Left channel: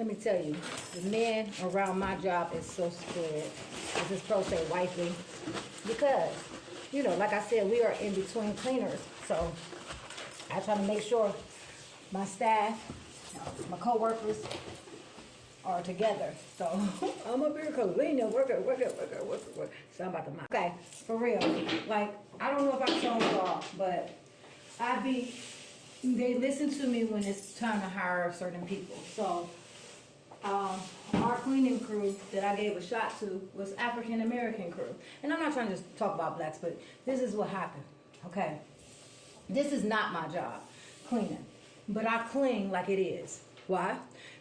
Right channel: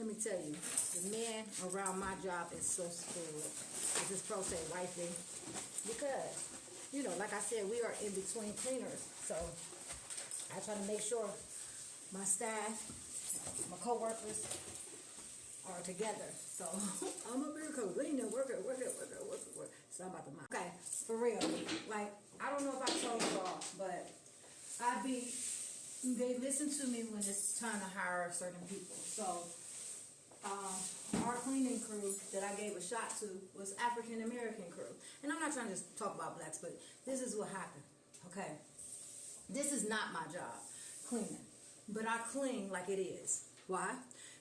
Let me tell you, the men around my job is so scared. As this pro say, wifey. Because, you know, like I said, we are in between cleaners. So I try to make sure my staff, my co-workers are together. So I'm up here because we know work. So I'm about to mind. Okay, for real. Like, I don't know if I told y'all, but they listen to me when it's time to hire certain people. So our cleaning crew that I gave a shot to was African American crew. And I'm not trying to just talk about blacks, but this is what happened. Okay. This is not my job, cleaning. But I clean like it is. Why?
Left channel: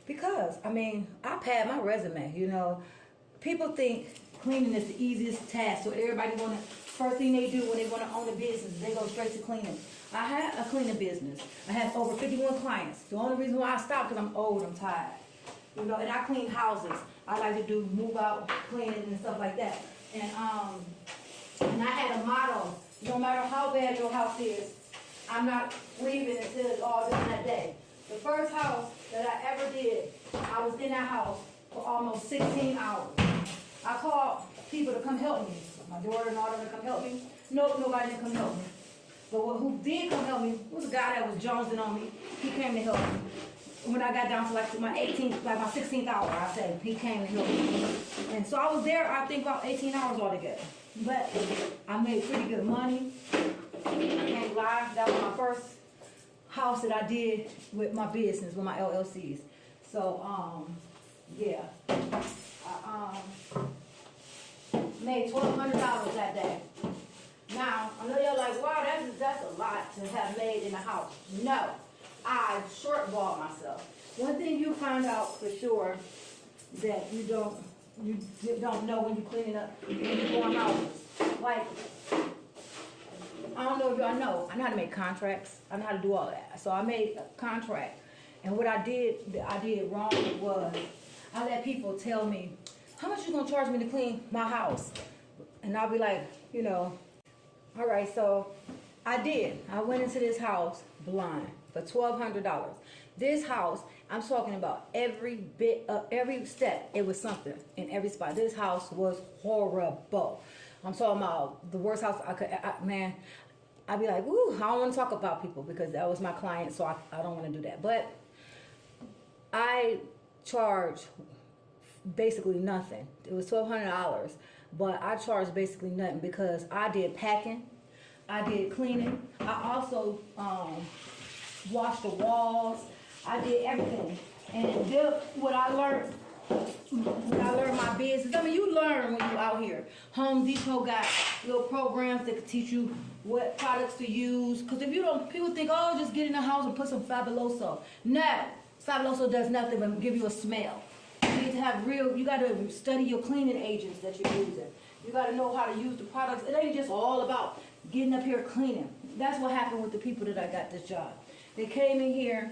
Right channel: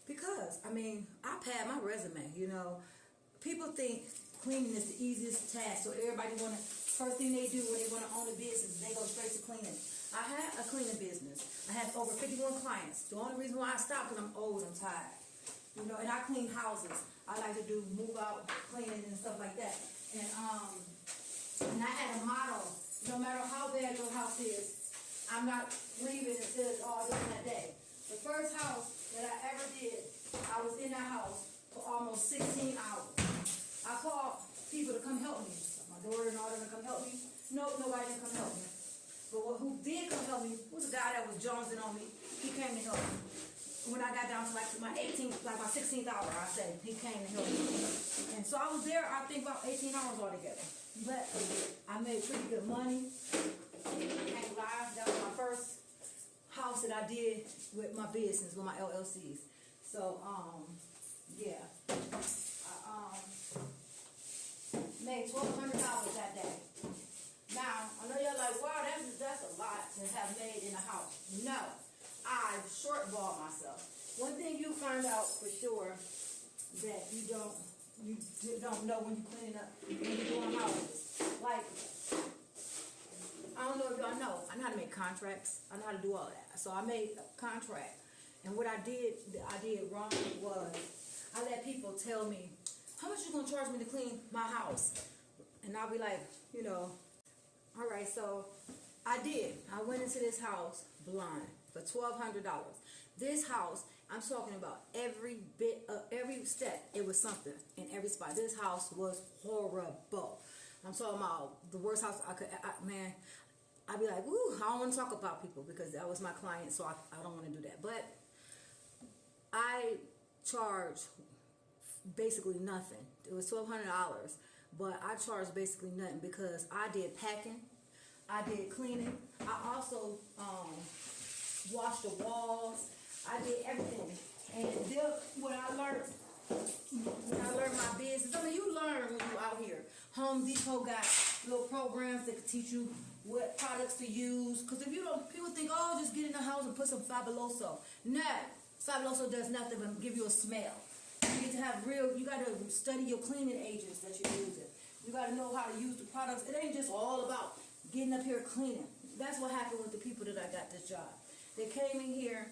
Because, I mean, I pad my resume, you know. People think cleaning is the easiest task. So everybody first thing they do when they want to own a business, they go straight to cleaning. I have a cleaning business. I have over 51 clients. The only reason why I stopped because I'm old, I'm tired. You know, and I clean houses. I like to do move out cleaning and stuff like that. And I had a motto: no matter how bad your house is, I'm not leaving until it's all done that day. The first house that I ever did, I was in that house for almost 16 hours. I called people to come help me. My daughter and all them to come help me. Nope, nobody didn't come help me. But who did come help me was a guy that was jonesing on me. He came to help me. When I got down to like my 16th hour, I said, he came to help me. And so I was there, I think about 18 hours altogether. But I made pretty good money. I can't lie, that was my first house that I did with my business, with my LLCs. So, yeah. I made $1,200 that day. Now, I know y'all like, wow, that's a lot to have made in a house. No. I shortballed myself. One thing you find out for sure that you don't know when you're cleaning up, when you're going houses. Like, I don't know if y'all know, I know how to make contracts. I know how to do all that. So I made a contract. And what I did wrong was I let people tell me, how much you gonna charge me to clean my house? And I'll be like, you know, all right, so I did. I went into this house blind for $1,200. This house, I'm talking about every bit, every step, it was something in every spot. This house was horrible. I'm talking about the worst house I could, man, I'd be like, ooh, I don't want to talk about people because that was my client, so I don't want to do that. But I charge basically nothing. It was $1,200, but I charged basically nothing because I did packing, I did cleaning, I also washed the walls, I did everything. And what I learned when I learned my business, I mean, you learn when you're out here. Home Depot got little programs that can teach you what products to use. Because if you don't, people think, oh, just get in the house and put some Fabuloso. No, Fabuloso does nothing but give you a smell. You need to have you got to study your cleaning agents that you're using. You got to know how to use the products. It ain't just all about getting up here cleaning. That's what happened with the people that I got this job. They came in here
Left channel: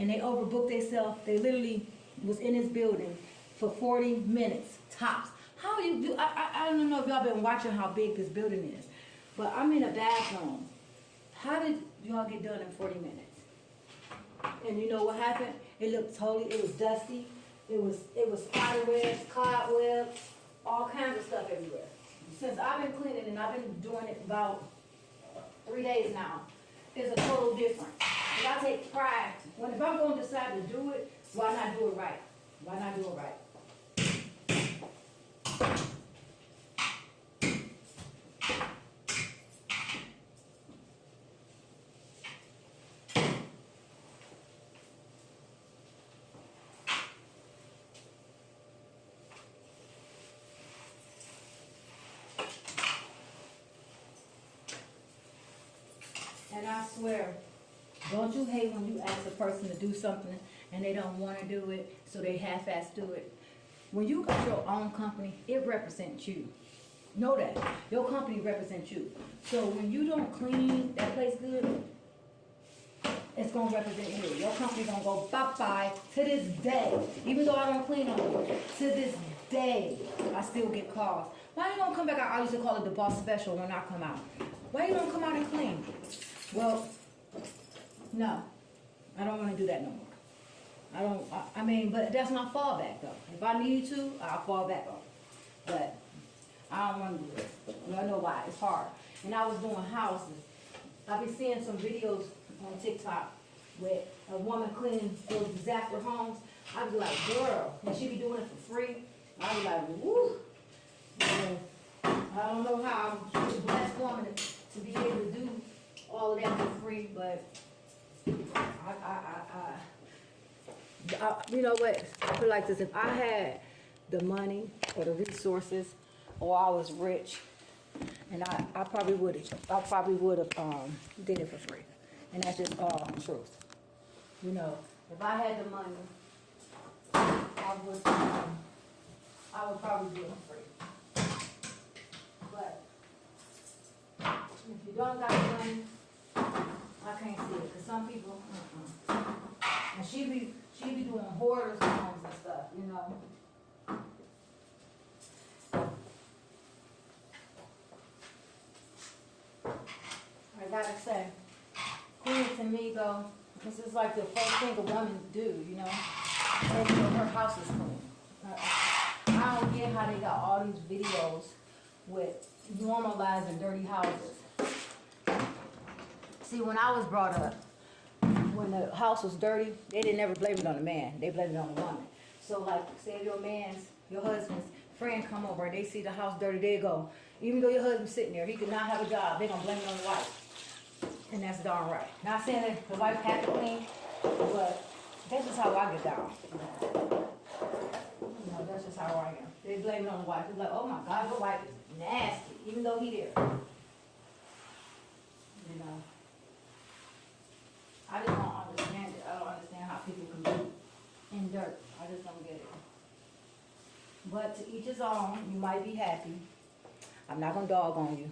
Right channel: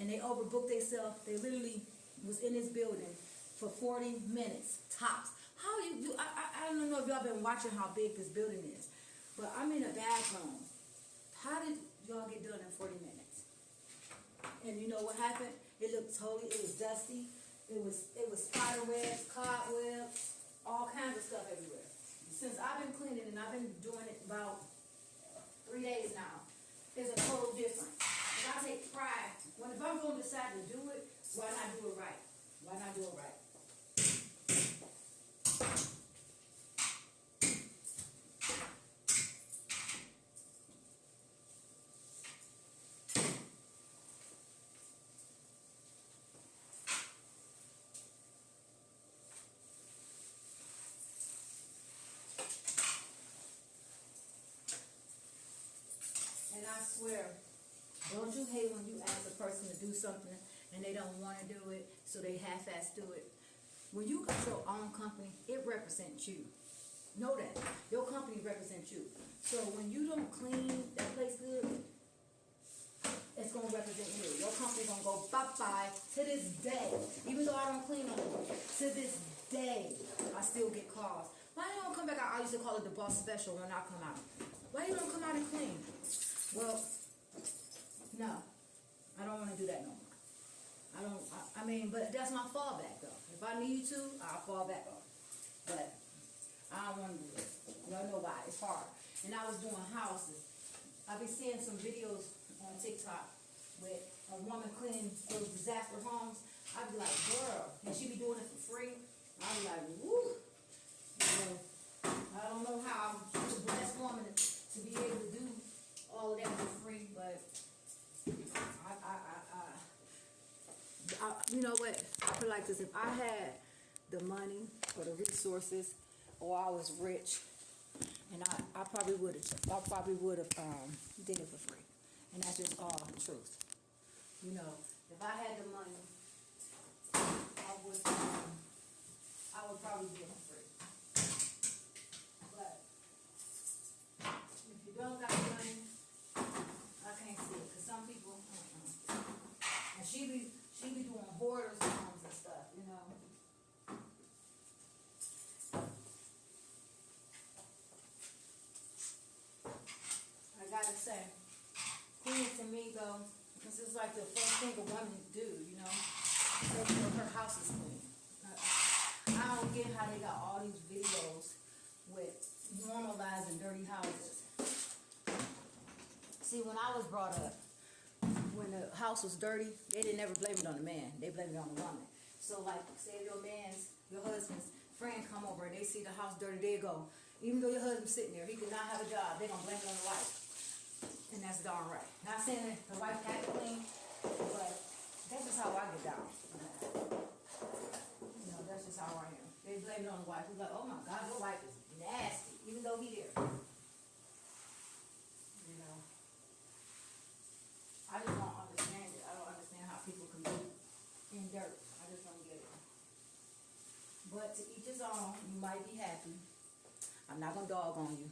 and they overbooked themselves. They literally was in this building for 40 minutes tops. How do you do? I don't know if y'all been watching how big this building is, but I'm in a bathroom. How did y'all get done in 40 minutes? And you know what happened? It was dusty. It was spider webs, cobwebs, all kinds of stuff everywhere. Since I've been cleaning and I've been doing it about 3 days now, it's a total difference. But I take pride. If I'm going to decide to do it, why not do it right? Why not do it right? And I swear, don't you hate when you ask a person to do something and they don't want to do it, so they half-ass do it? When you got your own company, it represents you. Know that. Your company represents you. So when you don't clean that place good, it's going to represent you. Your company going to go bye-bye to this day. Even though I don't clean no more, to this day, I still get calls. Why you don't come back out? I used to call it the boss special when I come out. Why you don't come out and clean? Well, no, I don't want to do that no more. I mean, but that's my fallback though. If I need to, I'll fall back on it. But I don't want to do it. I know why. It's hard. And I was doing houses. I've been seeing some videos on TikTok with a woman cleaning those disaster homes. I be like, girl, and she be doing it for free. I be like, woo. You know, I don't know how she's a blessed woman to be able to do all of that for free, but you know what? I feel like this. If I had the money or the resources, or I was rich, and I probably would have did it for free. And that's just all truth. You know, if I had the money, I would probably do it for free. But if you don't got the money, I can't see it. Cause some people, and she be doing hoarders homes and stuff, you know. I gotta say, cleaning to me though, this is like the first thing a woman do, you know. And her house is clean. I don't get how they got all these videos with normalizing dirty houses. See, when I was brought up, when the house was dirty, they didn't ever blame it on the man. They blamed it on the woman. So like, say if your husband's friend come over and they see the house dirty, they go, even though your husband's sitting there, he could not have a job, they're gonna blame it on the wife. And that's darn right. Not saying that the wife had to clean, but that's just how I get down. You know, that's just how I am. They blame it on the wife. They're like, oh my God, your wife is nasty, even though he there. You know. I just don't understand it. I don't understand how people can be in dirt. I just don't get it. But to each his own. You might be happy. I'm not gonna dog on you.